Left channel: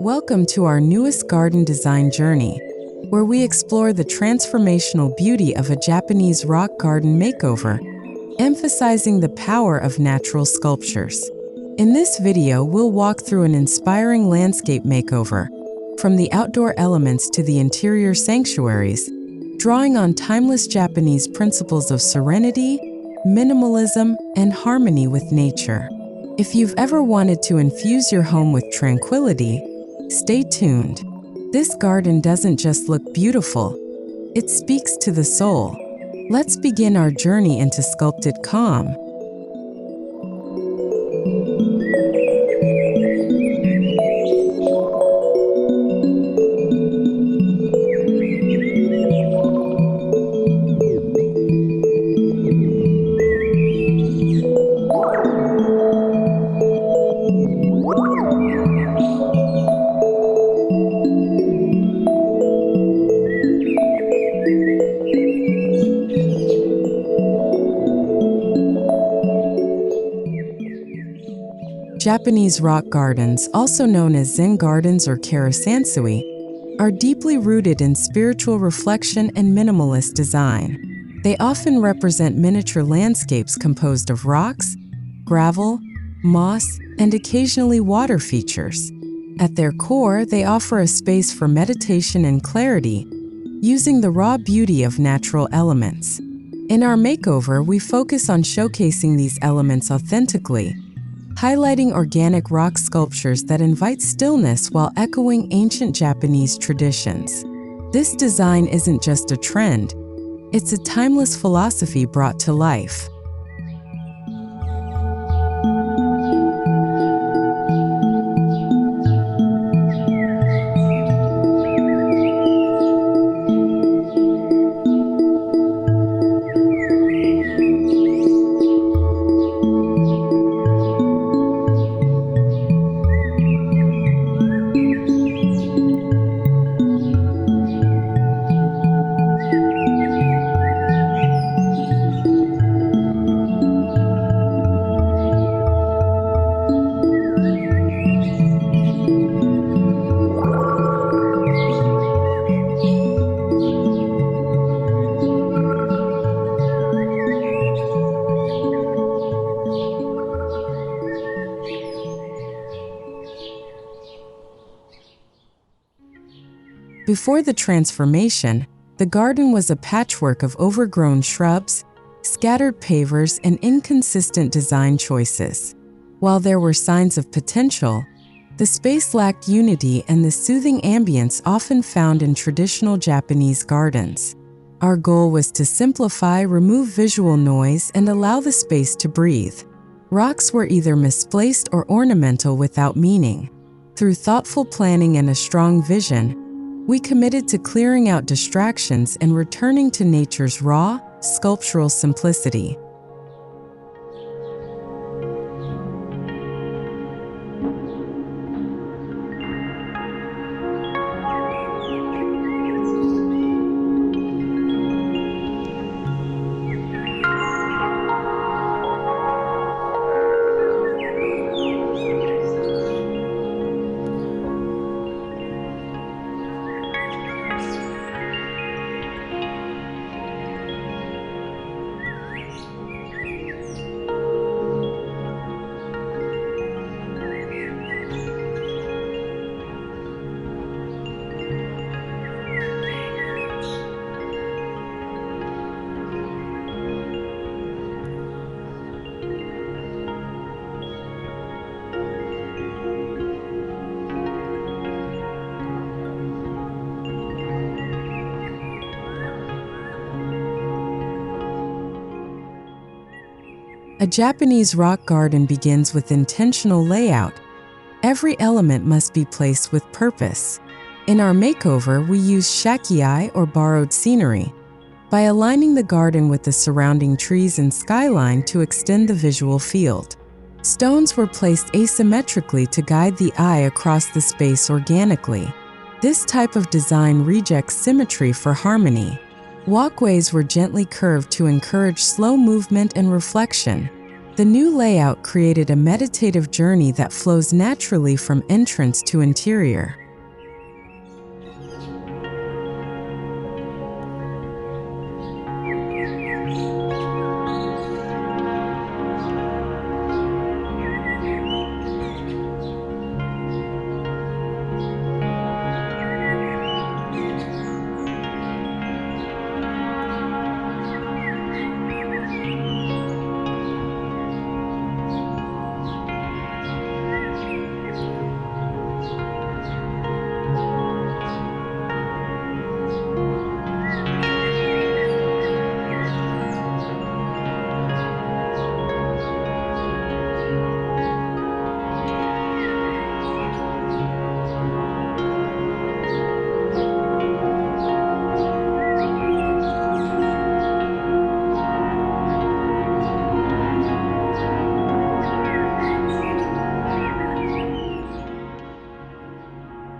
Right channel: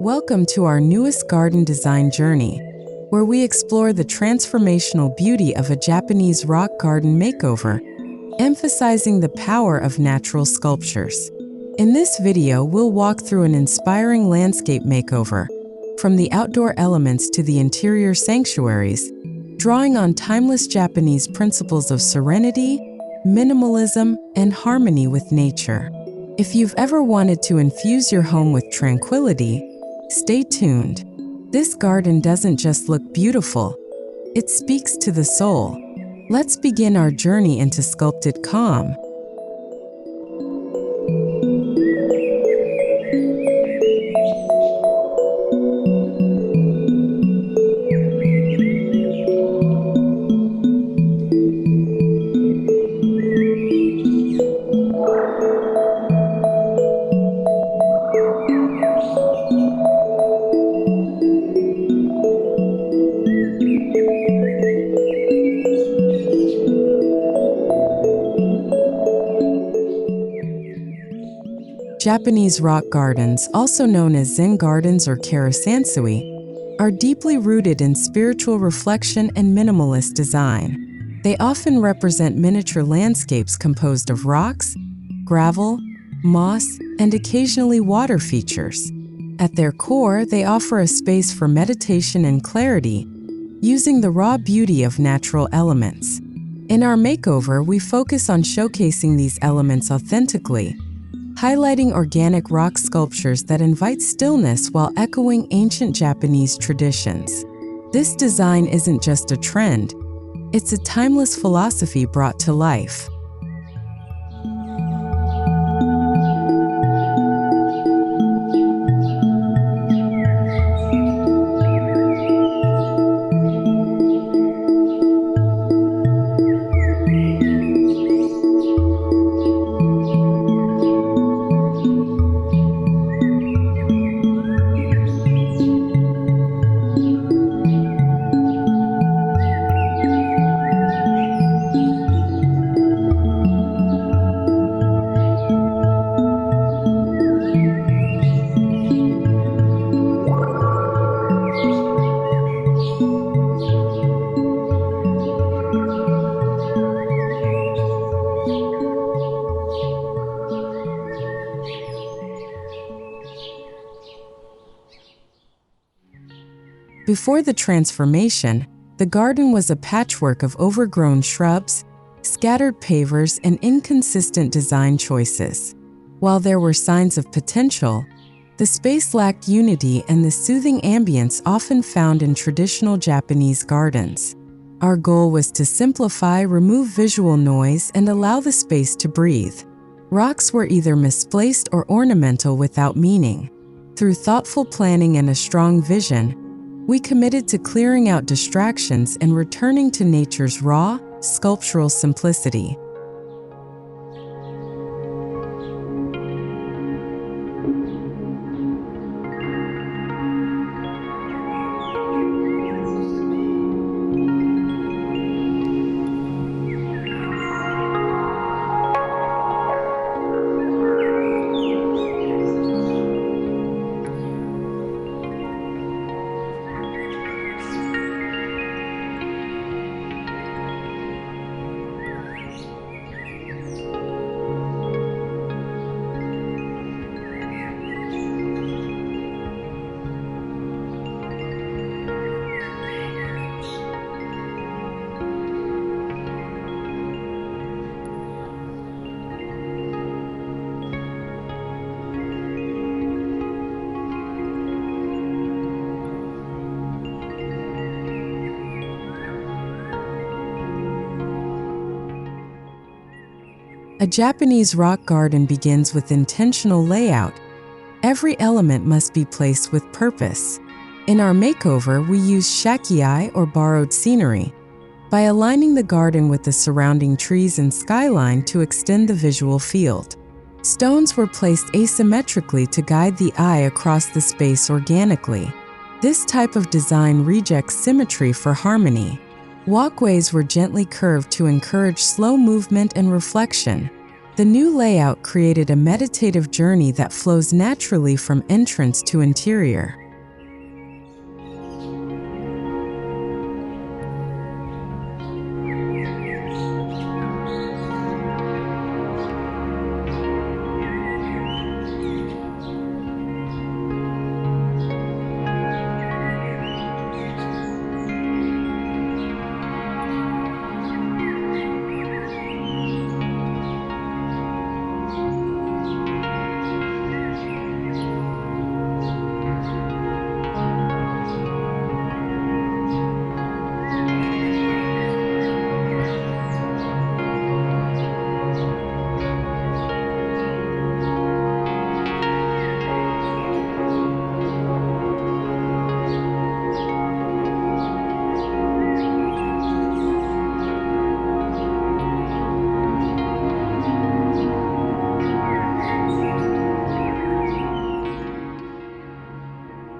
Welcome to our newest garden design journey, where we explore the transformational beauty of a Japanese rock garden makeover, emphasizing the power of natural sculptures. In this video, we'll walk through an inspiring landscape makeover, from the outdoor elements to the interior sanctuaries, drawing on timeless Japanese principles of serenity, minimalism, and harmony with nature. If you've ever wanted to infuse your home with tranquility, stay tuned. This garden doesn't just look beautiful, it speaks to the soul. Let's begin our journey into sculpted calm. Japanese rock gardens, also known as Zen gardens or karasansui, are deeply rooted in spiritual reflection and minimalist design. They often represent miniature landscapes composed of rocks, gravel, moss, and occasionally water features. At their core, they offer a space for meditation and clarity, using the raw beauty of natural elements. In our makeover, we focus on showcasing these elements authentically, highlighting organic rock sculptures that invite stillness while echoing ancient Japanese traditions. This design isn't just a trend, it's a timeless philosophy brought to life. Before the transformation, the garden was a patchwork of overgrown shrubs, scattered pavers, and inconsistent design choices. While there were signs of potential, the space lacked unity and the soothing ambience often found in traditional Japanese gardens. Our goal was to simplify, remove visual noise, and allow the space to breathe. Rocks were either misplaced or ornamental without meaning. Through thoughtful planning and a strong vision, we committed to clearing out distractions and returning to nature's raw, sculptural simplicity. A Japanese rock garden begins with intentional layout. Every element must be placed with purpose. In our makeover, we use shakiai or borrowed scenery. by aligning the garden with the surrounding trees and skyline to extend the visual field. Stones were placed asymmetrically to guide the eye across the space organically. This type of design rejects symmetry for harmony. Walkways were gently curved to encourage slow movement and reflection. The new layout created a meditative journey that flows naturally from entrance to interior.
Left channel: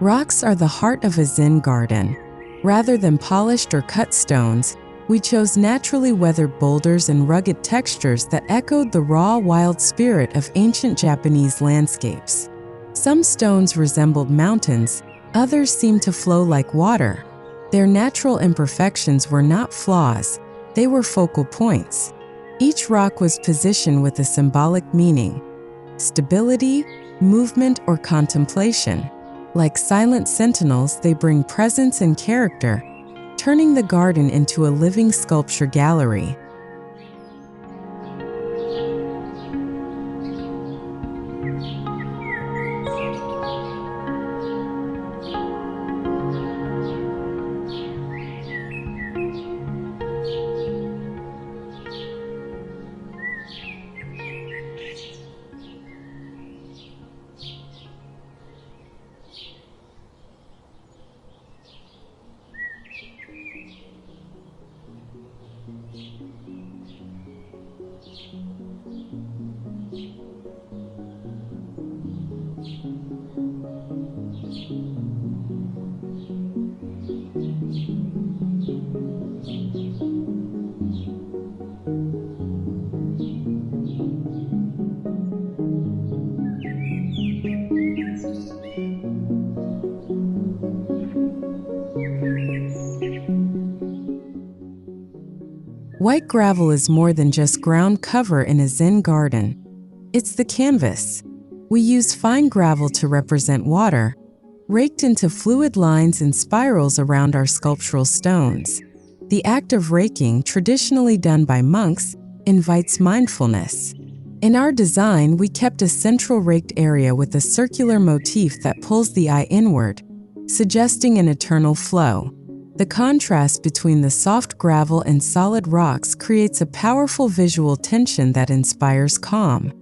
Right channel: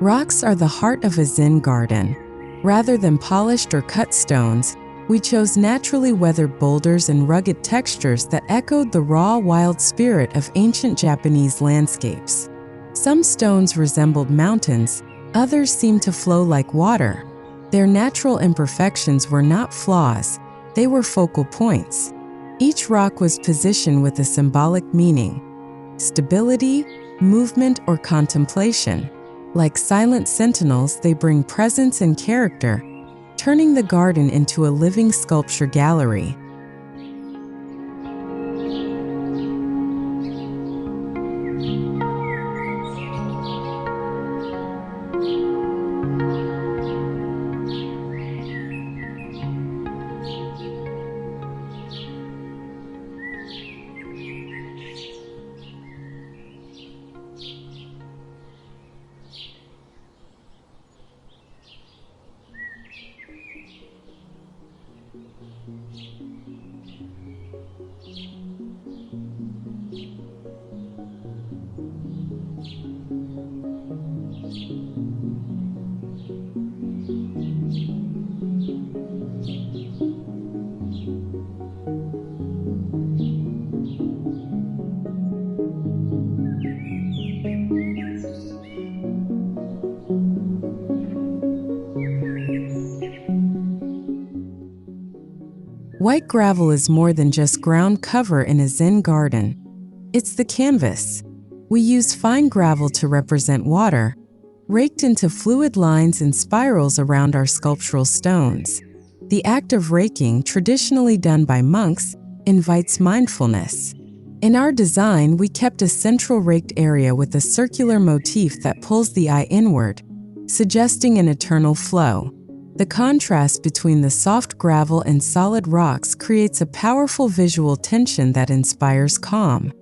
Rocks are the heart of a Zen garden. Rather than polished or cut stones, we chose naturally weathered boulders and rugged textures that echoed the raw, wild spirit of ancient Japanese landscapes. Some stones resembled mountains, others seemed to flow like water. Their natural imperfections were not flaws, they were focal points. Each rock was positioned with a symbolic meaning: stability, movement, or contemplation. Like silent sentinels, they bring presence and character, turning the garden into a living sculpture gallery. White gravel is more than just ground cover in a Zen garden. It's the canvas. We use fine gravel to represent water, raked into fluid lines and spirals around our sculptural stones. The act of raking, traditionally done by monks, invites mindfulness. In our design, we kept a central raked area with a circular motif that pulls the eye inward, suggesting an eternal flow. The contrast between the soft gravel and solid rocks creates a powerful visual tension that inspires calm.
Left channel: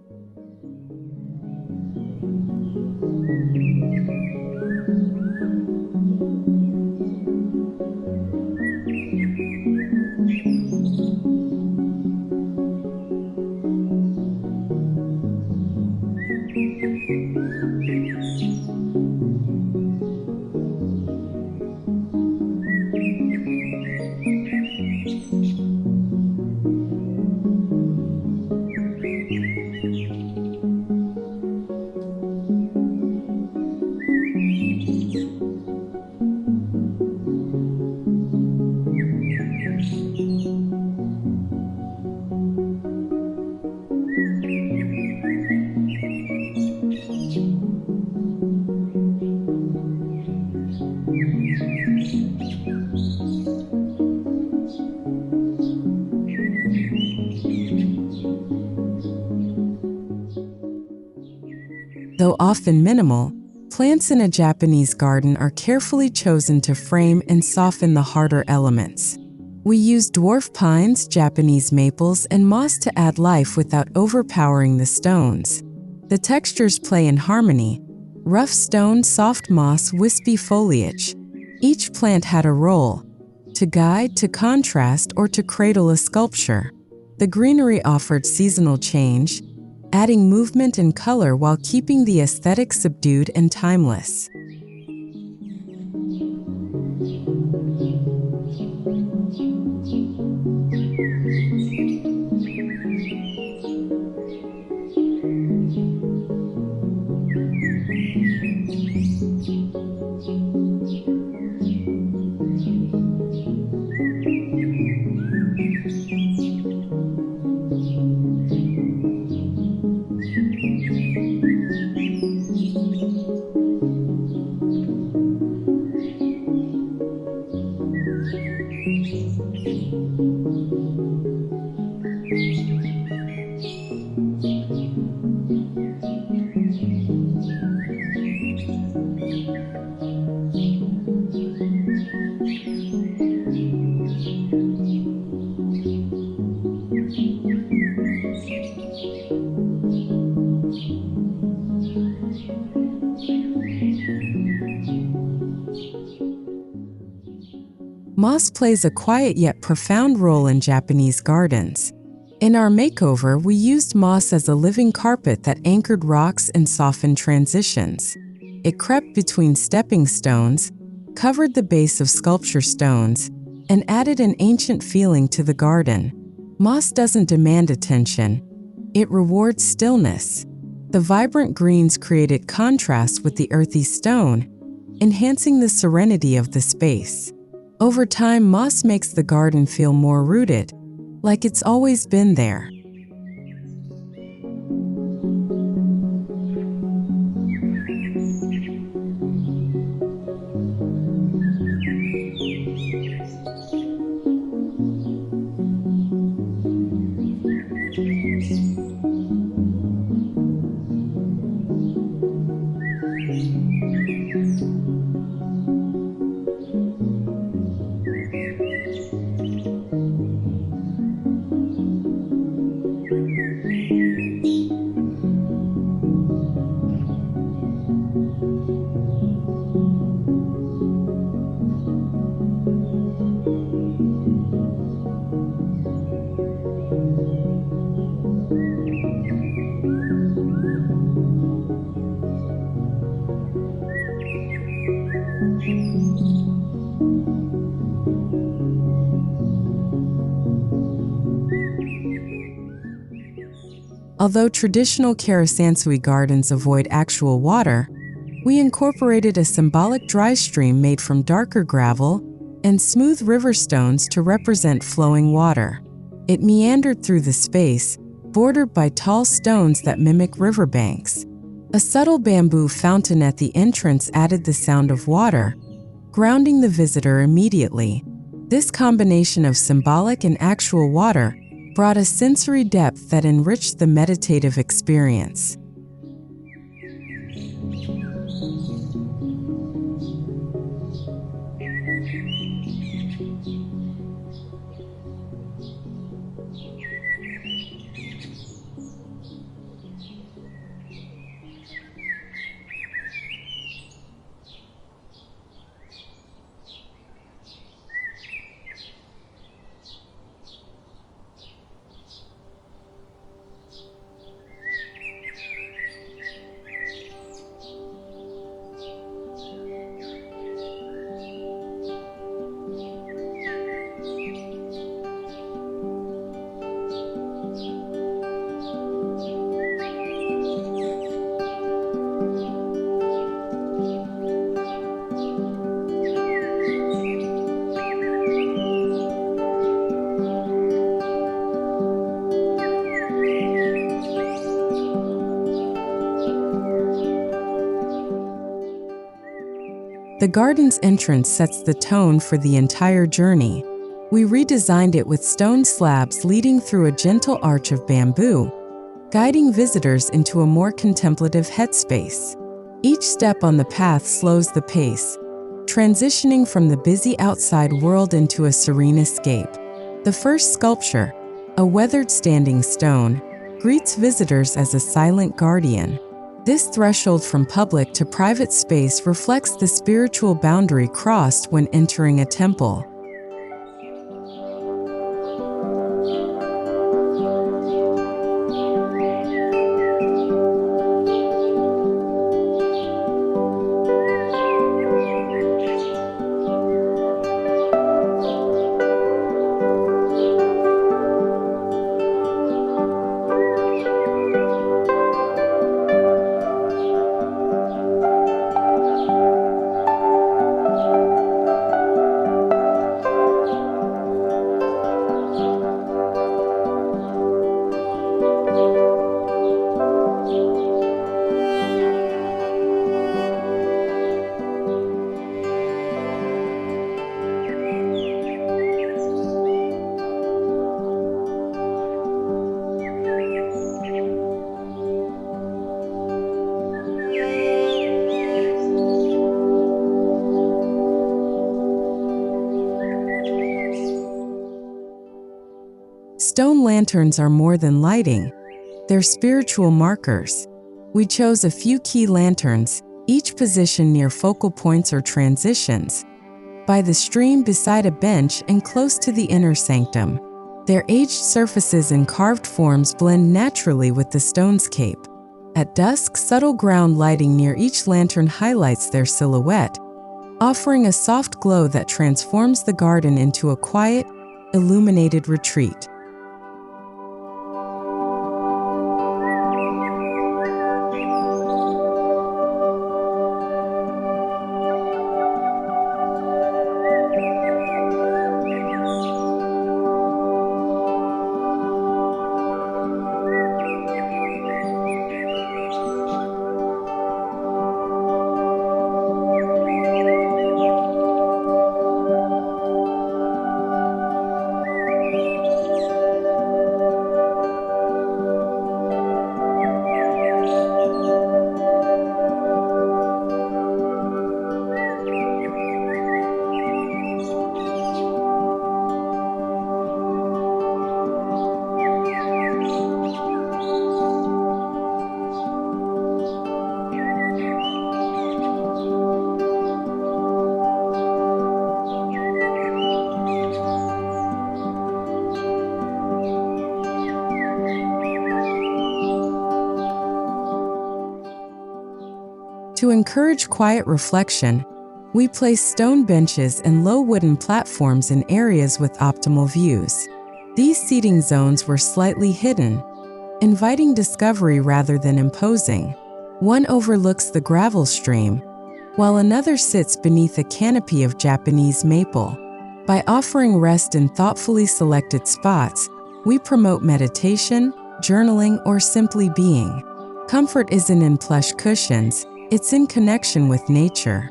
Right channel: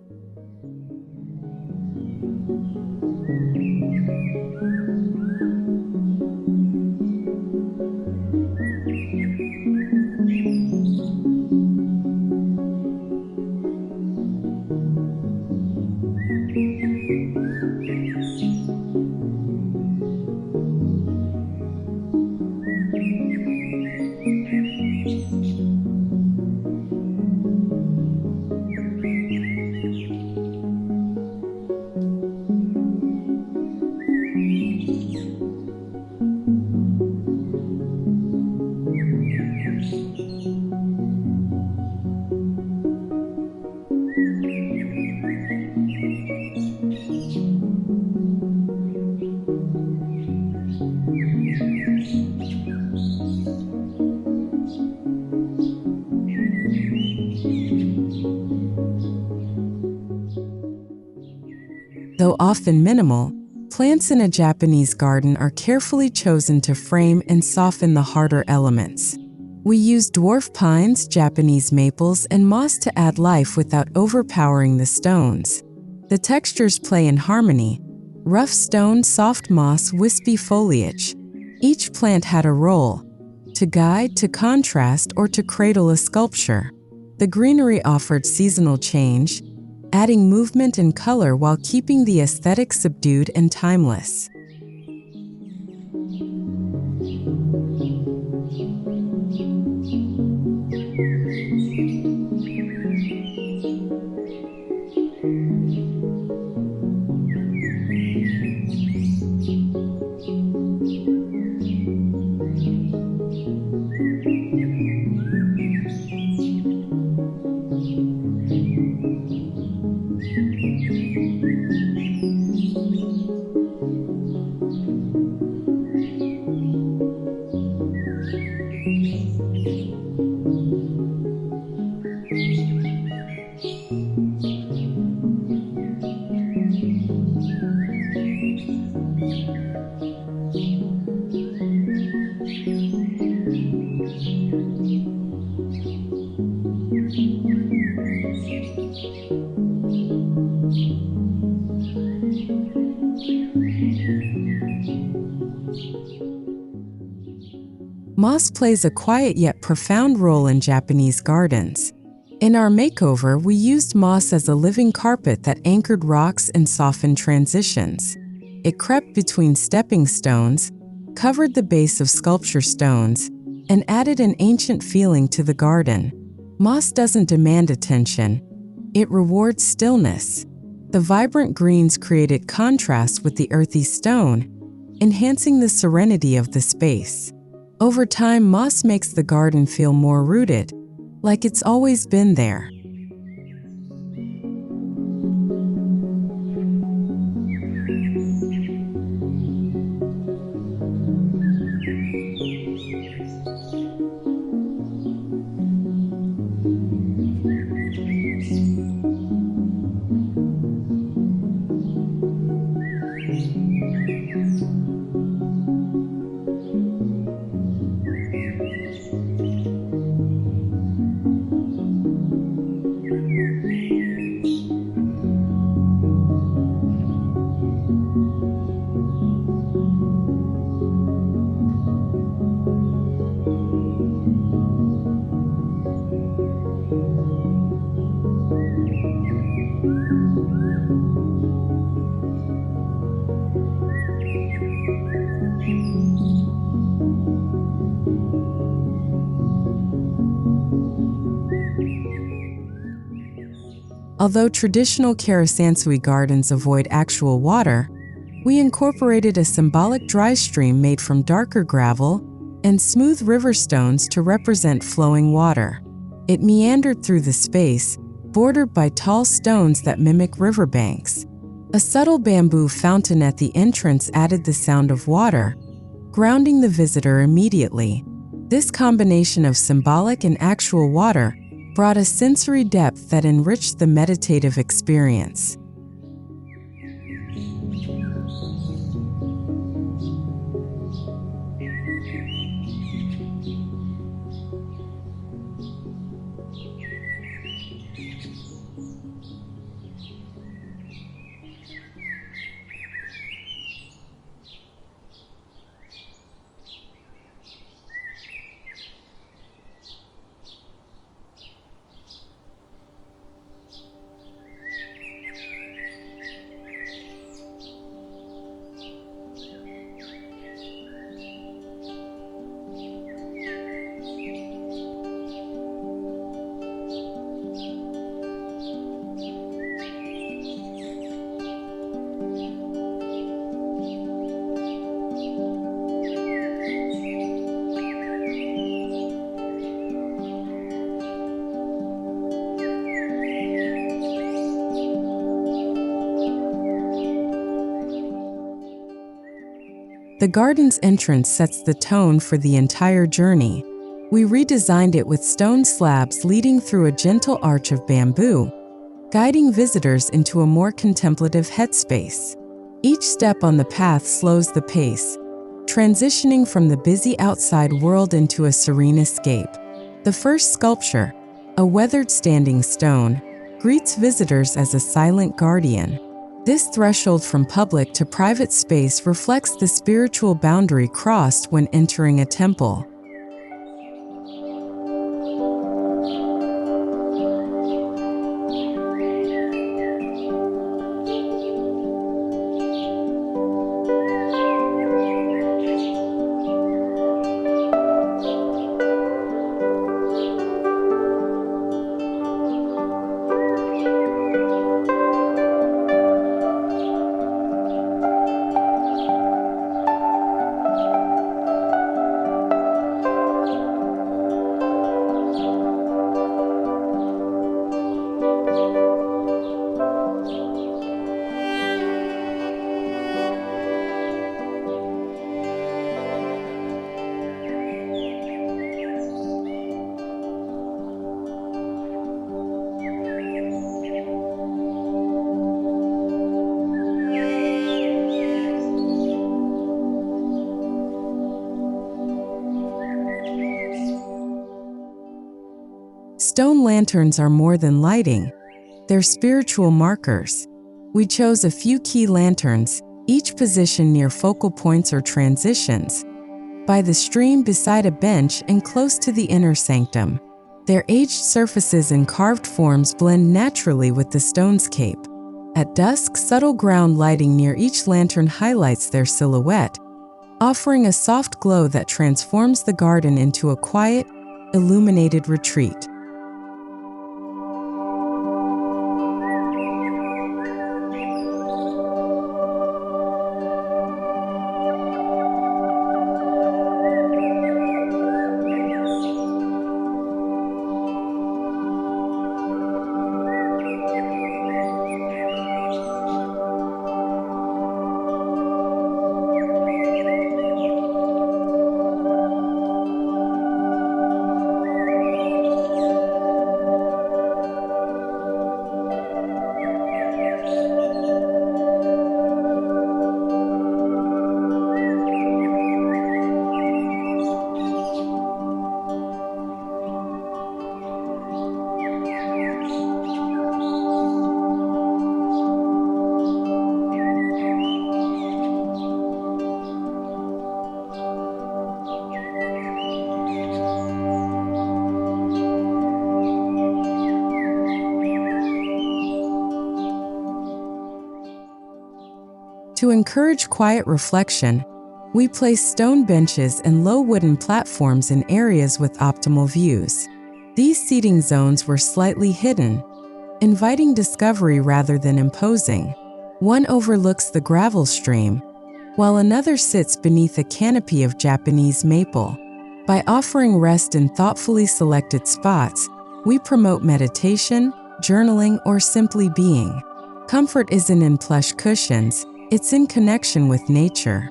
Though often minimal, plants in a Japanese garden are carefully chosen to frame and soften the harder elements. We use dwarf pines, Japanese maples, and moss to add life without overpowering the stones. The textures play in harmony: rough stone, soft moss, wispy foliage. Each plant had a role. to guide, to contrast, or to cradle a sculpture. The greenery offered seasonal change, adding movement and color while keeping the aesthetic subdued and timeless. Moss plays a quiet yet profound role in Japanese gardens. In our makeover, we used moss as a living carpet that anchored rocks and softened transitions. It crept between stepping stones, covered the base of sculpture stones, and added an ancient feeling to the garden. Moss doesn't demand attention. It rewards stillness. The vibrant greens created contrast with the earthy stone, enhancing the serenity of the space. Over time, moss makes the garden feel more rooted, like it's always been there. Although traditional Karasansui gardens avoid actual water, we incorporated a symbolic dry stream made from darker gravel and smooth river stones to represent flowing water. It meandered through the space, bordered by tall stones that mimic riverbanks. A subtle bamboo fountain at the entrance added the sound of water, grounding the visitor immediately. This combination of symbolic and actual water brought a sensory depth that enriched the meditative experience. The garden's entrance sets the tone for the entire journey. We redesigned it with stone slabs leading through a gentle arch of bamboo, guiding visitors into a more contemplative headspace. Each step on the path slows the pace, transitioning from the busy outside world into a serene escape. The first sculpture, a weathered standing stone, greets visitors as a silent guardian. This threshold from public to private space reflects the spiritual boundary crossed when entering a temple. Stone lanterns are more than lighting. They're spiritual markers. We chose a few key lanterns, each positioned near focal points or transitions, by the stream, beside a bench, and close to the inner sanctum. Their aged surfaces and carved forms blend naturally with the stonescape. At dusk, subtle ground lighting near each lantern highlights their silhouette, offering a soft glow that transforms the garden into a quiet, illuminated retreat. To encourage quiet reflection, we place stone benches and low wooden platforms in areas with optimal views. These seating zones were slightly hidden, inviting discovery rather than imposing. One overlooks the gravel stream, while another sits beneath a canopy of Japanese maple. By offering rest in thoughtfully selected spots, we promote meditation, journaling, or simply being. Comfort isn't in plush cushions, it's in connection with nature.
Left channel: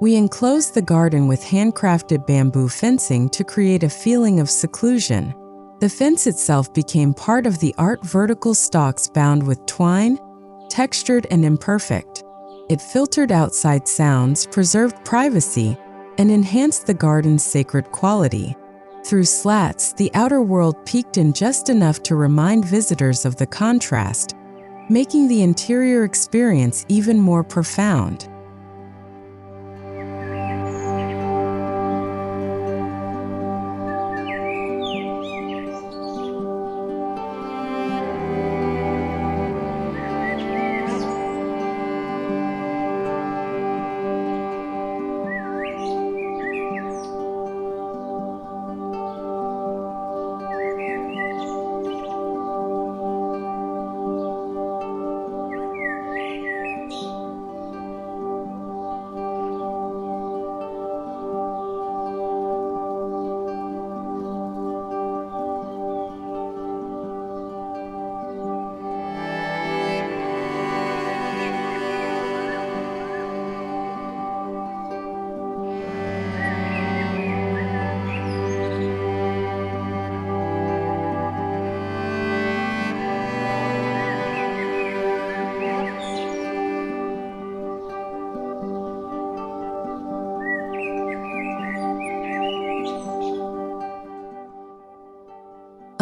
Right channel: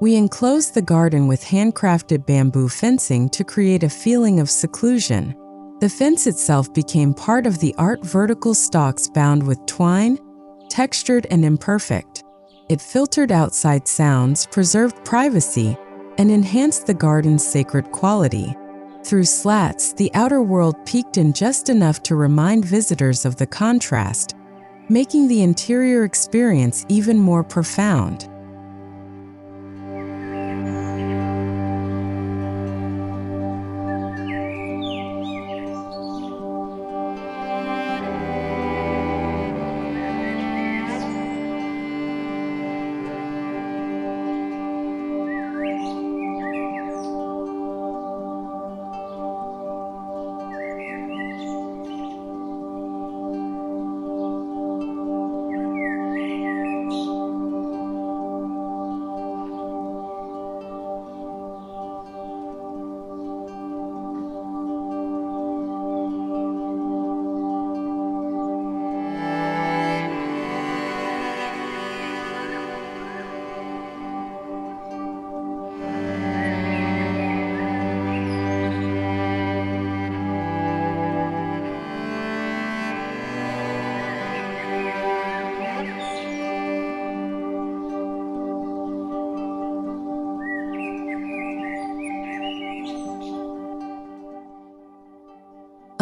We enclosed the garden with handcrafted bamboo fencing to create a feeling of seclusion. The fence itself became part of the art, vertical stalks bound with twine, textured and imperfect. It filtered outside sounds, preserved privacy, and enhanced the garden's sacred quality. Through slats, the outer world peeked in just enough to remind visitors of the contrast, making the interior experience even more profound.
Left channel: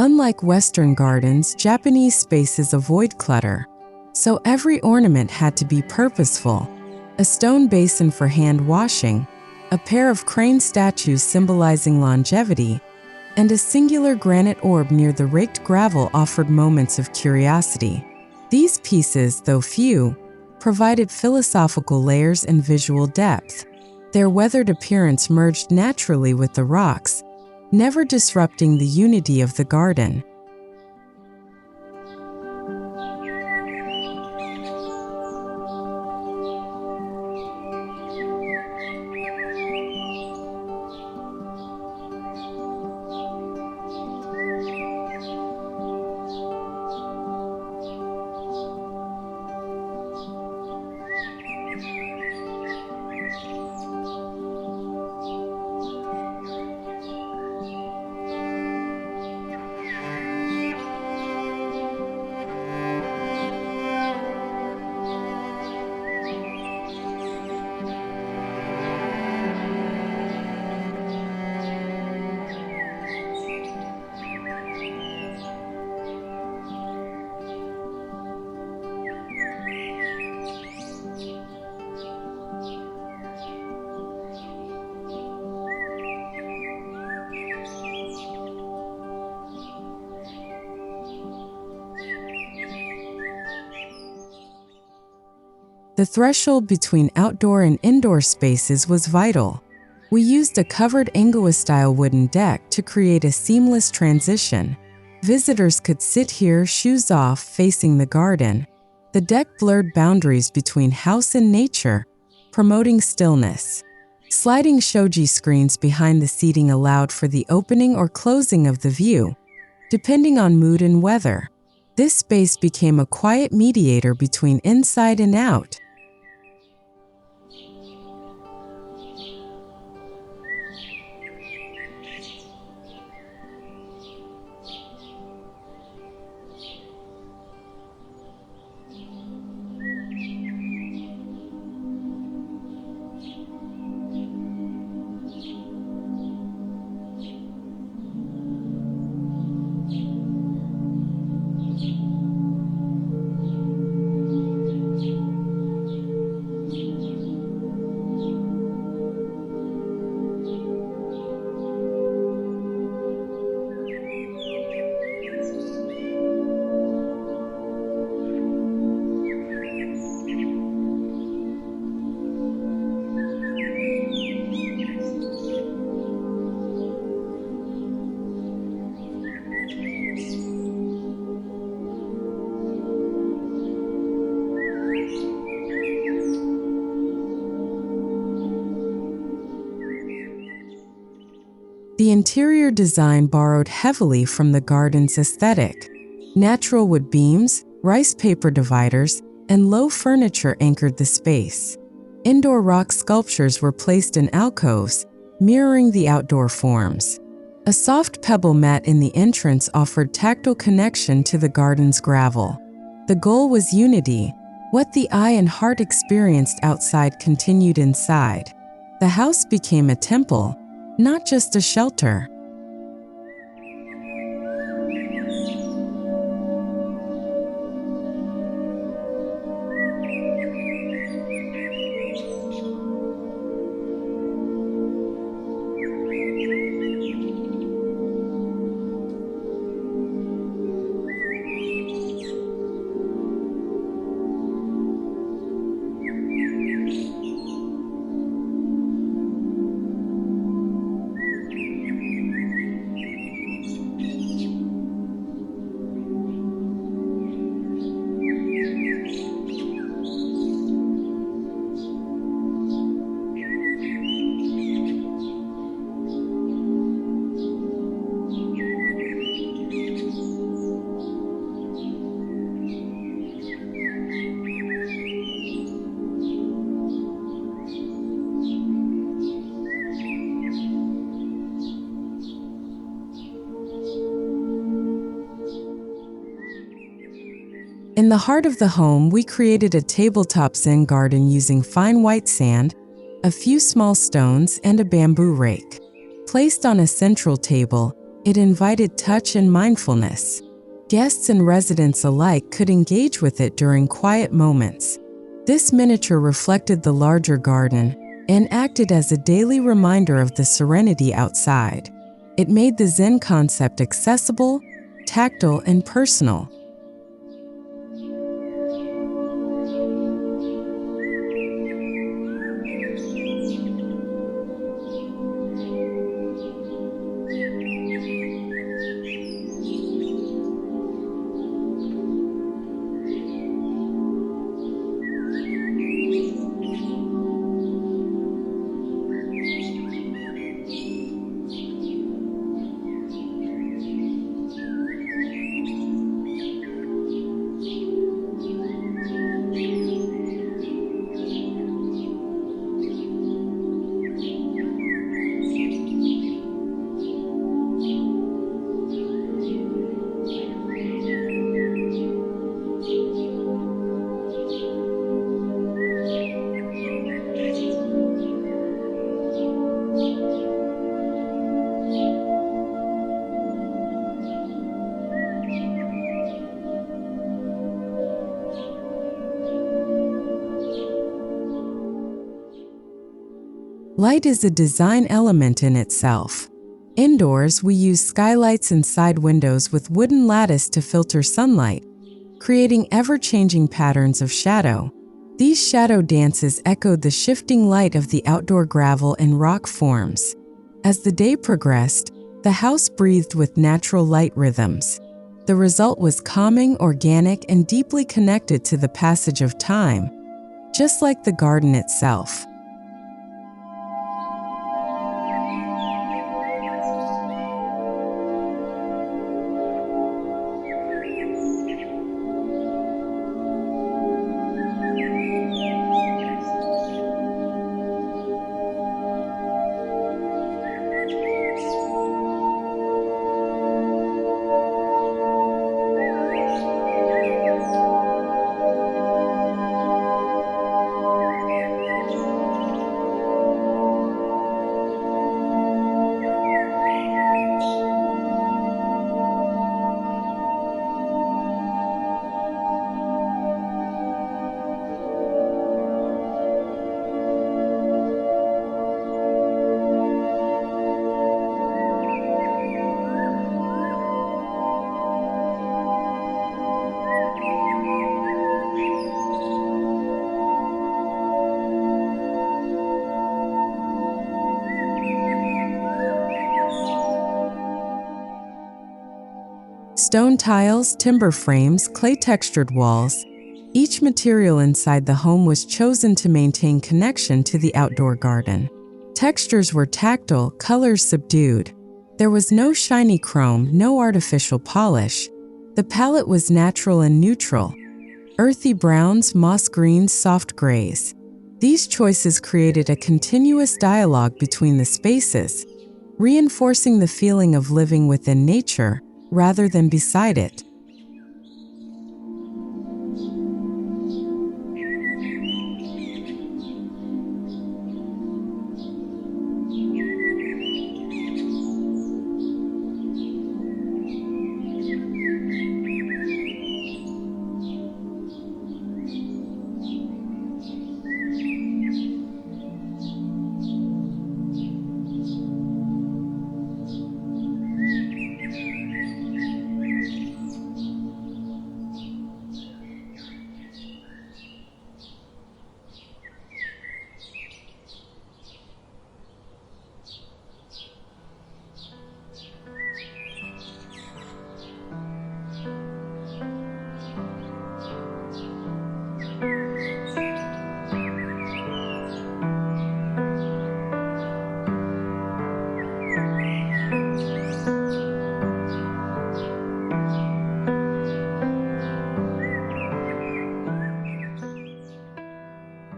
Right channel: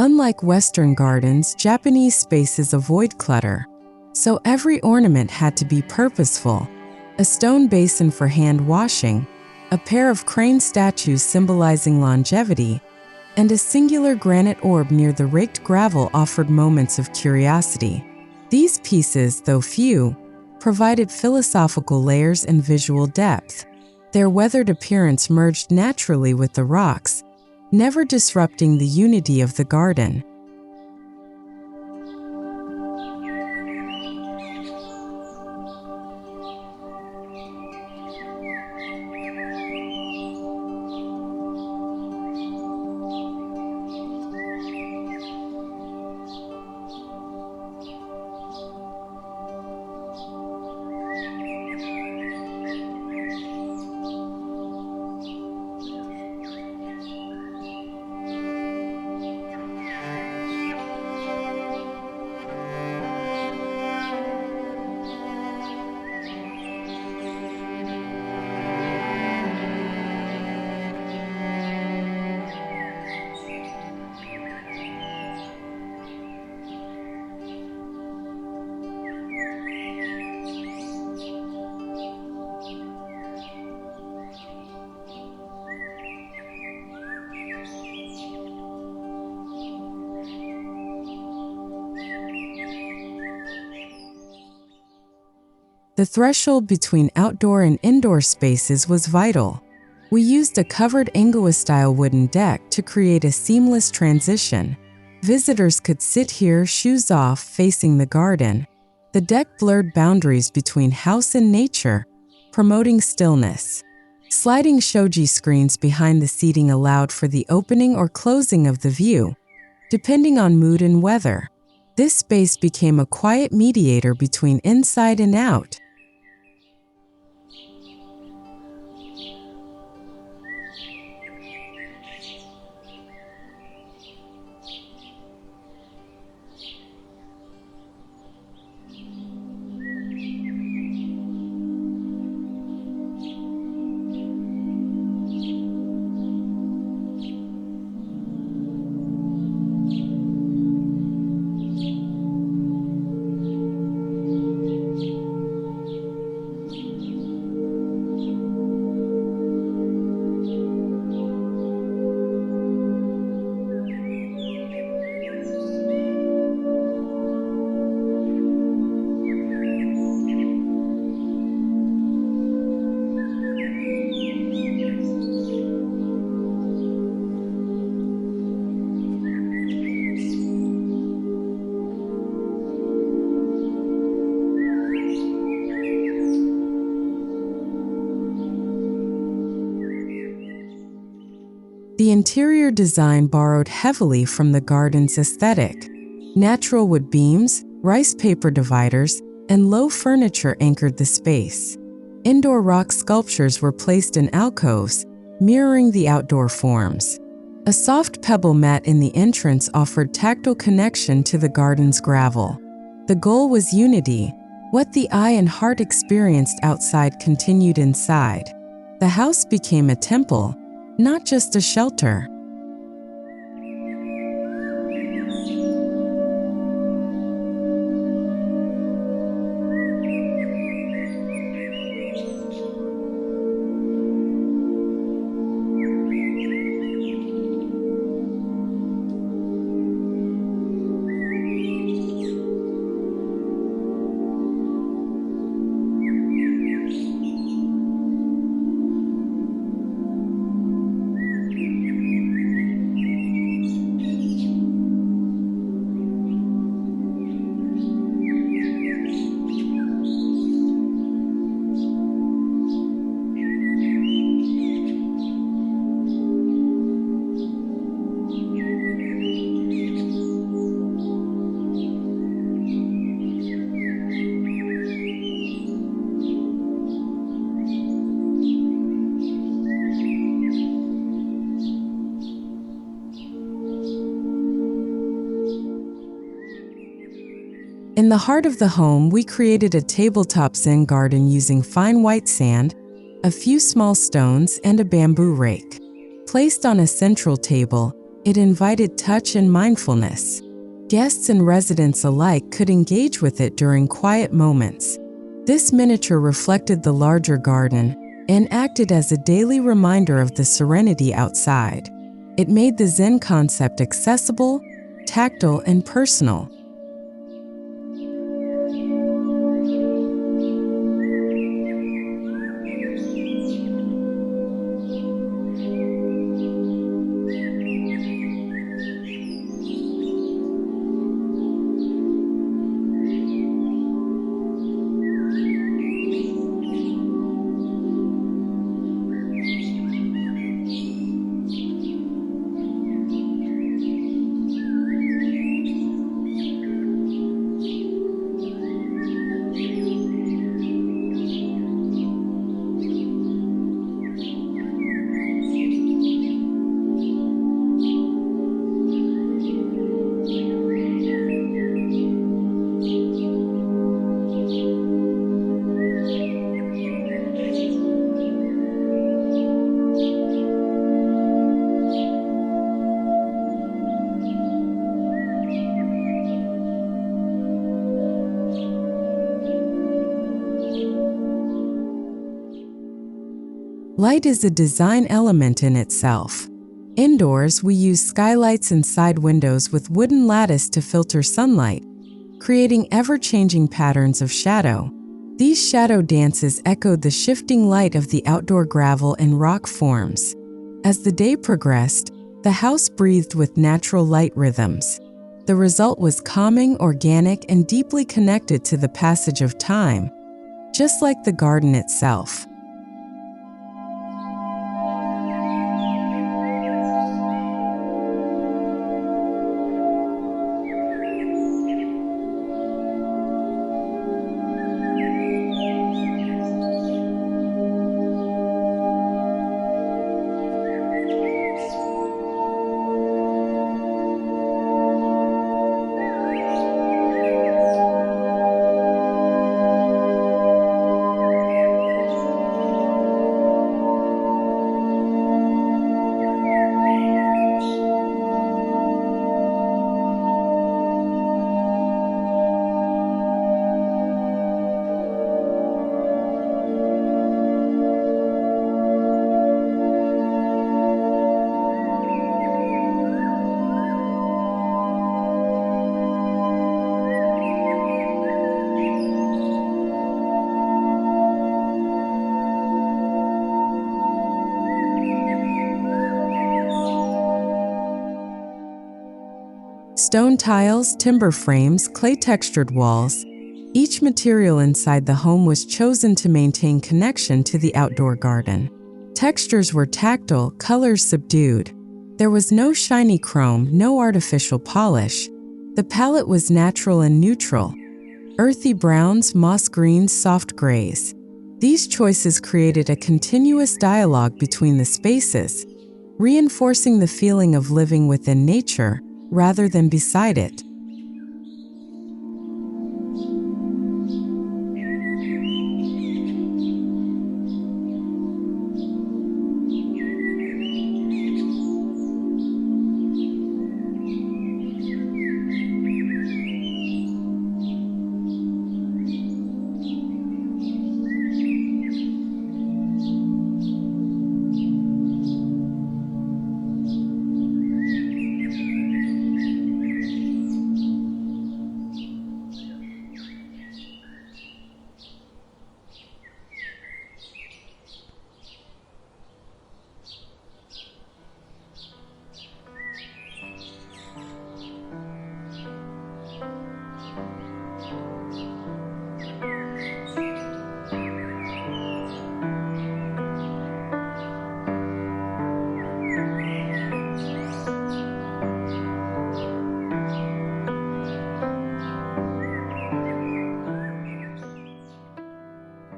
Unlike Western gardens, Japanese spaces avoid clutter, so every ornament had to be purposeful. A stone basin for hand washing, a pair of crane statues symbolizing longevity, and a singular granite orb near the raked gravel offered moments of curiosity. These pieces, though few, provided philosophical layers and visual depth. Their weathered appearance merged naturally with the rocks, never disrupting the unity of the garden. The threshold between outdoor and indoor spaces was vital. We used a covered Angua-style wooden deck to create a seamless transition. Visitors could sit here, shoes off, facing the garden. The deck blurred boundaries between house and nature, promoting stillness. Sliding shoji screens behind the seating allowed for the opening or closing of the view, depending on mood and weather. This space became a quiet mediator between inside and out. The interior design borrowed heavily from the garden's aesthetic. Natural wood beams, rice paper dividers, and low furniture anchored the space. Indoor rock sculptures were placed in alcoves, mirroring the outdoor forms. A soft pebble mat in the entrance offered tactile connection to the garden's gravel. The goal was unity. What the eye and heart experienced outside continued inside. The house became a temple, not just a shelter. In the heart of the home, we created a tabletop Zen garden using fine white sand, a few small stones, and a bamboo rake. Placed on a central table, it invited touch and mindfulness. Guests and residents alike could engage with it during quiet moments. This miniature reflected the larger garden, and acted as a daily reminder of the serenity outside. It made the Zen concept accessible, tactile, and personal. Light is a design element in itself. Indoors, we use skylights and side windows with wooden lattice to filter sunlight, creating ever-changing patterns of shadow. These shadow dances echoed the shifting light of the outdoor gravel and rock forms. As the day progressed, the house breathed with natural light rhythms. The result was calming, organic, and deeply connected to the passage of time, just like the garden itself. Stone tiles, timber frames, clay-textured walls. Each material inside the home was chosen to maintain connection to the outdoor garden. Textures were tactile, colors subdued. There was no shiny chrome, no artificial polish. The palette was natural and neutral. Earthy browns, moss greens, soft grays. These choices created a continuous dialogue between the spaces, reinforcing the feeling of living within nature rather than beside it.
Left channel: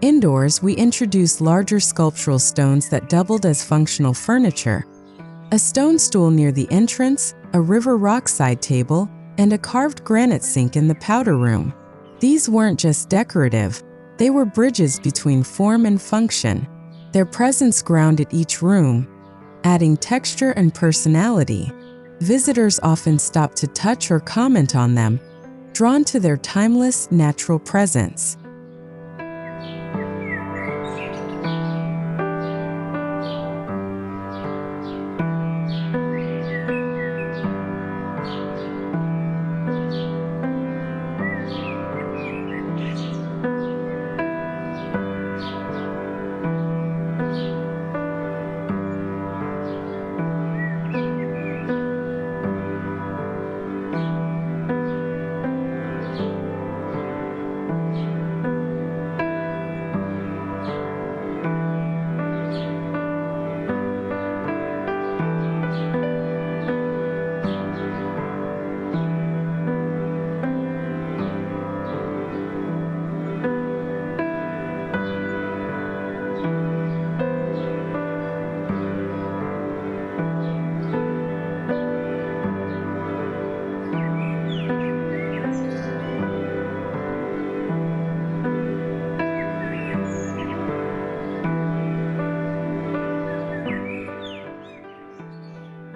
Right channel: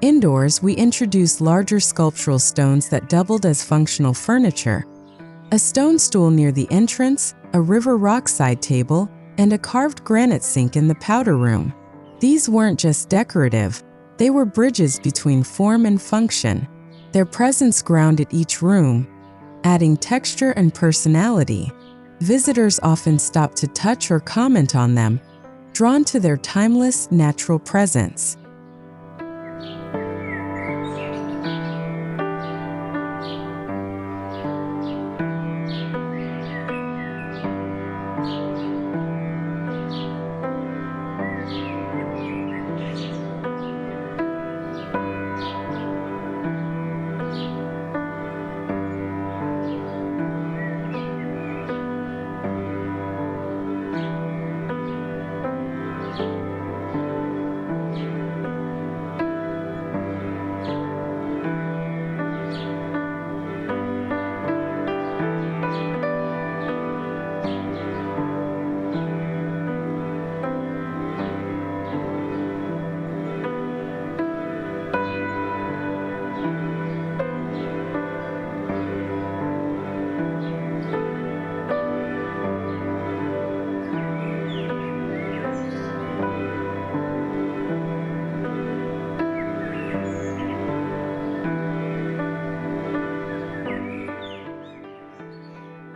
Indoors, we introduced larger sculptural stones that doubled as functional furniture. A stone stool near the entrance, a river rock side table, and a carved granite sink in the powder room. These weren't just decorative, they were bridges between form and function. Their presence grounded each room, adding texture and personality. Visitors often stopped to touch or comment on them, drawn to their timeless, natural presence.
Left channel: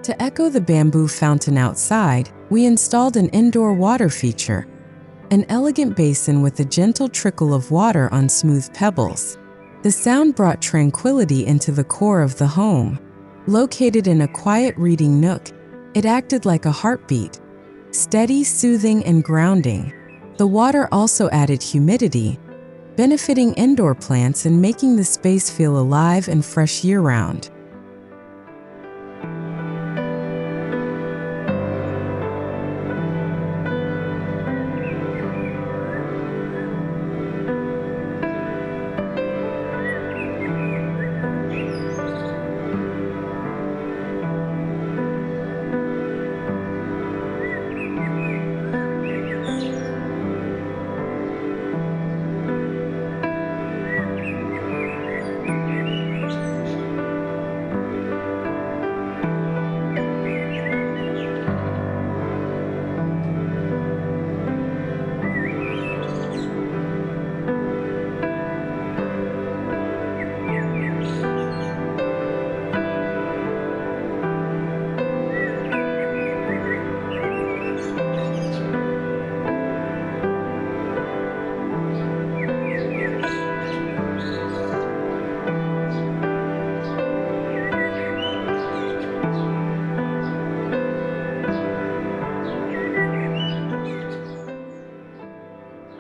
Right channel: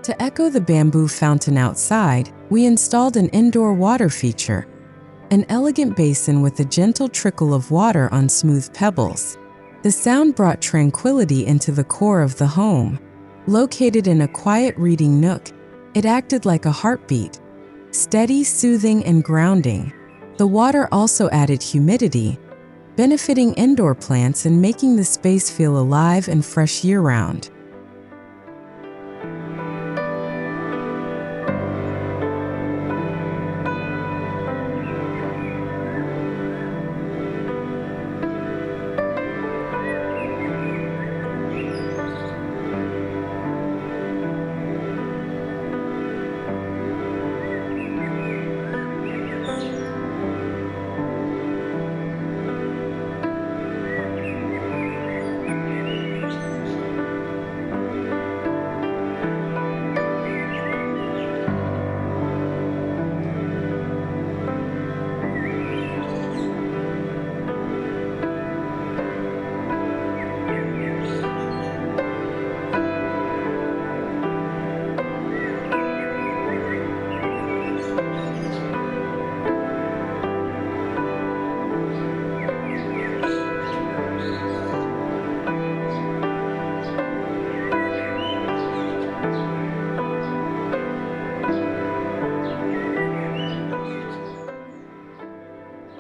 To echo the bamboo fountain outside, we installed an indoor water feature, an elegant basin with a gentle trickle of water on smooth pebbles. The sound brought tranquility into the core of the home. Located in a quiet reading nook, it acted like a heartbeat, steady, soothing, and grounding. The water also added humidity, benefiting indoor plants and making the space feel alive and fresh year-round.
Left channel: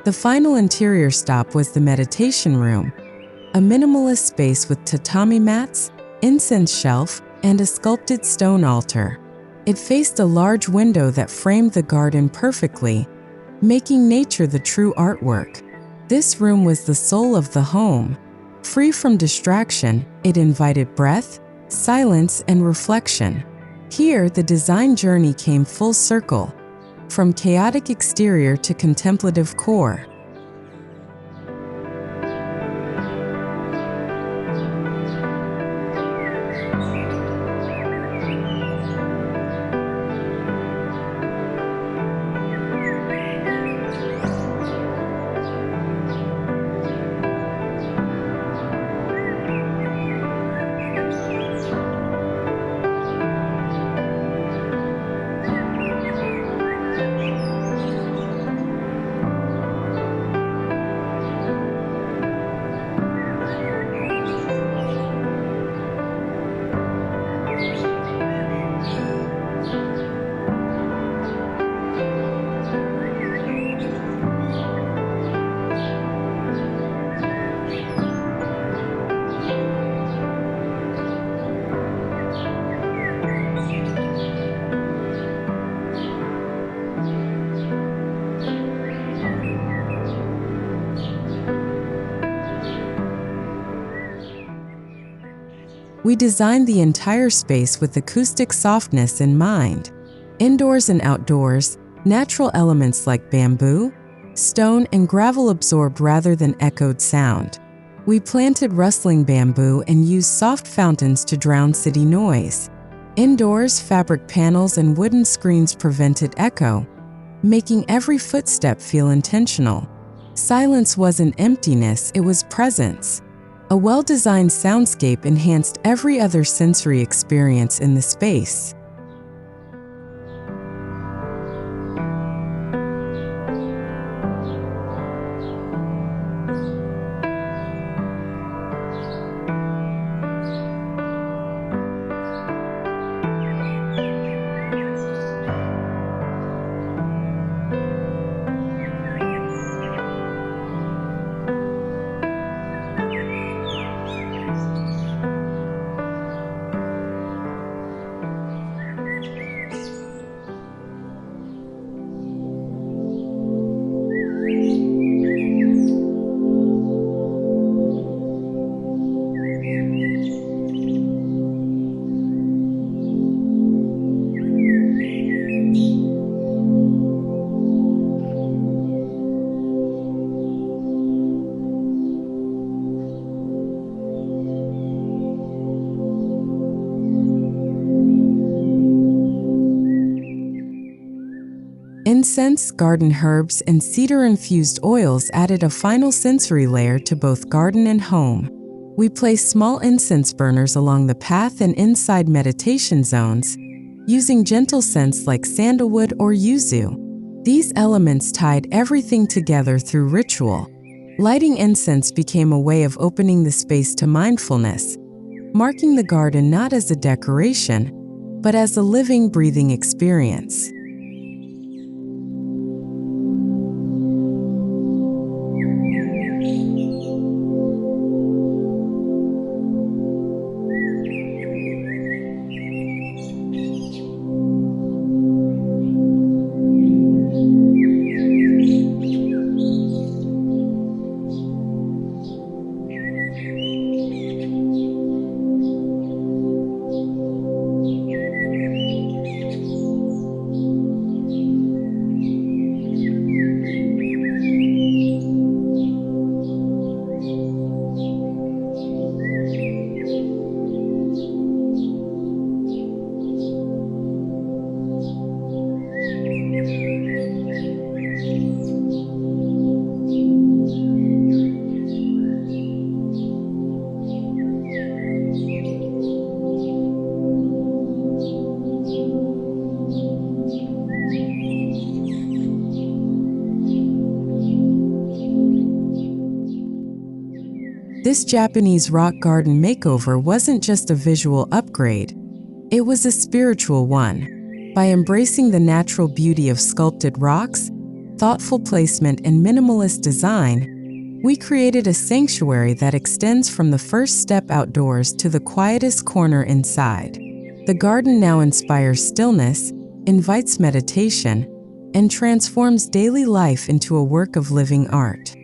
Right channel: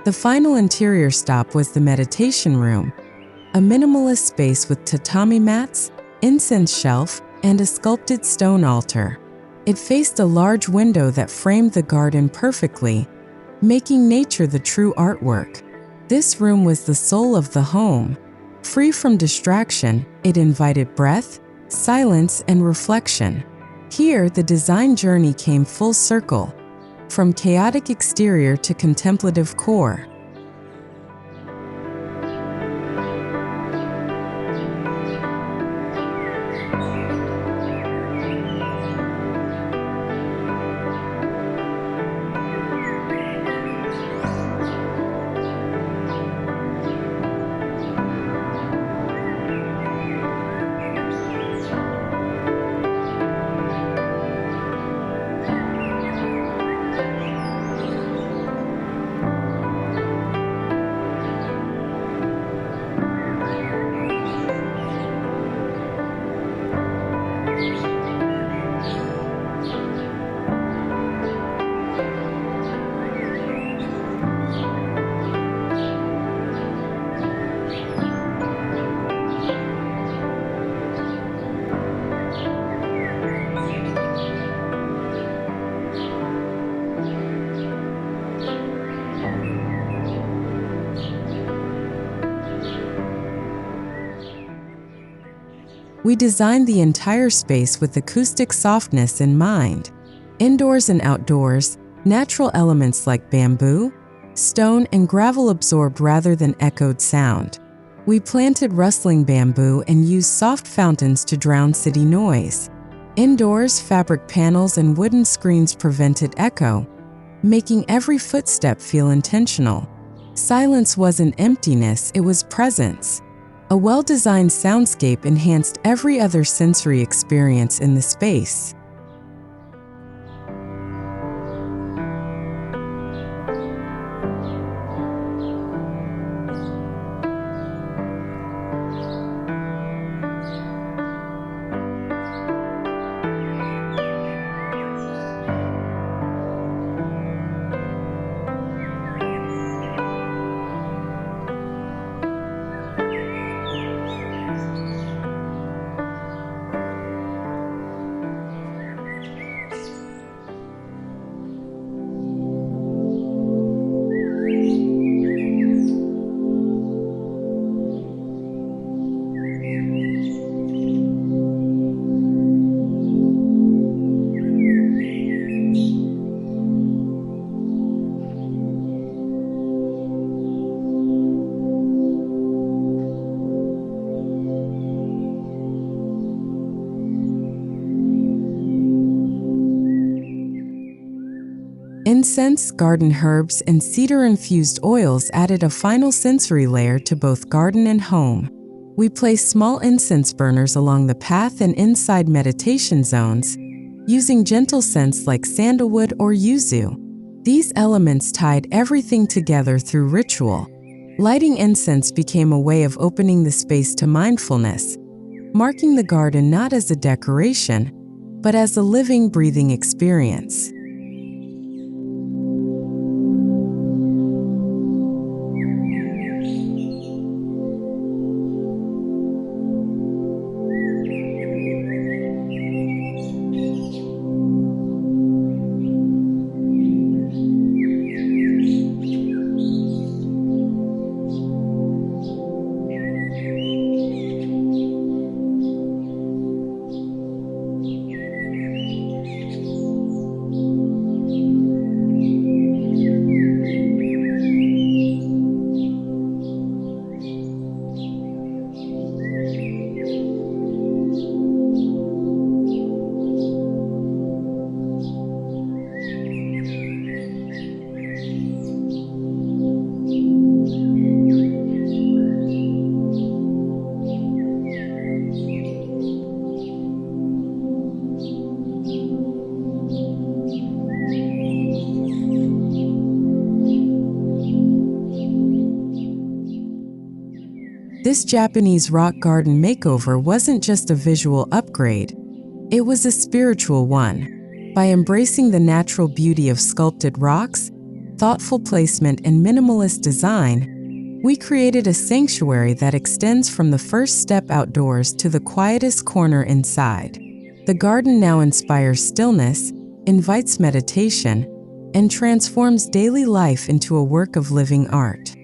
The final interior stop was the meditation room, a minimalist space with tatami mats, incense shelf, and a sculpted stone altar. It faced a large window that framed the garden perfectly, making nature the true artwork. This room was the soul of the home. Free from distraction, it invited breath, silence, and reflection. Here, the design journey came full circle, from chaotic exterior to contemplative core. We designed the entire space with acoustic softness in mind. Indoors and outdoors, natural elements like bamboo, stone, and gravel absorbed rather than echoed sound. We planted rustling bamboo and used soft fountains to drown city noise. Indoors, fabric panels and wooden screens prevented echo, making every footstep feel intentional. Silence wasn't emptiness, it was presence. A well-designed soundscape enhanced every other sensory experience in the space. Incense, garden herbs, and cedar-infused oils added a final sensory layer to both garden and home. We placed small incense burners along the path and inside meditation zones, using gentle scents like sandalwood or yuzu. These elements tied everything together through ritual. Lighting incense became a way of opening the space to mindfulness, marking the garden not as a decoration, but as a living, breathing experience. This Japanese rock garden makeover wasn't just a visual upgrade, it was a spiritual one. By embracing the natural beauty of sculpted rocks, thoughtful placement, and minimalist design, we created a sanctuary that extends from the first step outdoors to the quietest corner inside. The garden now inspires stillness, invites meditation, and transforms daily life into a work of living art.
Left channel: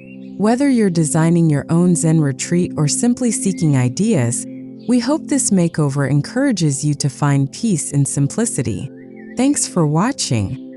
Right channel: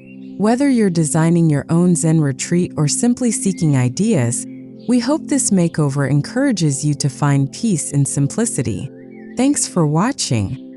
Whether you're designing your own Zen retreat or simply seeking ideas, we hope this makeover encourages you to find peace in simplicity. Thanks for watching.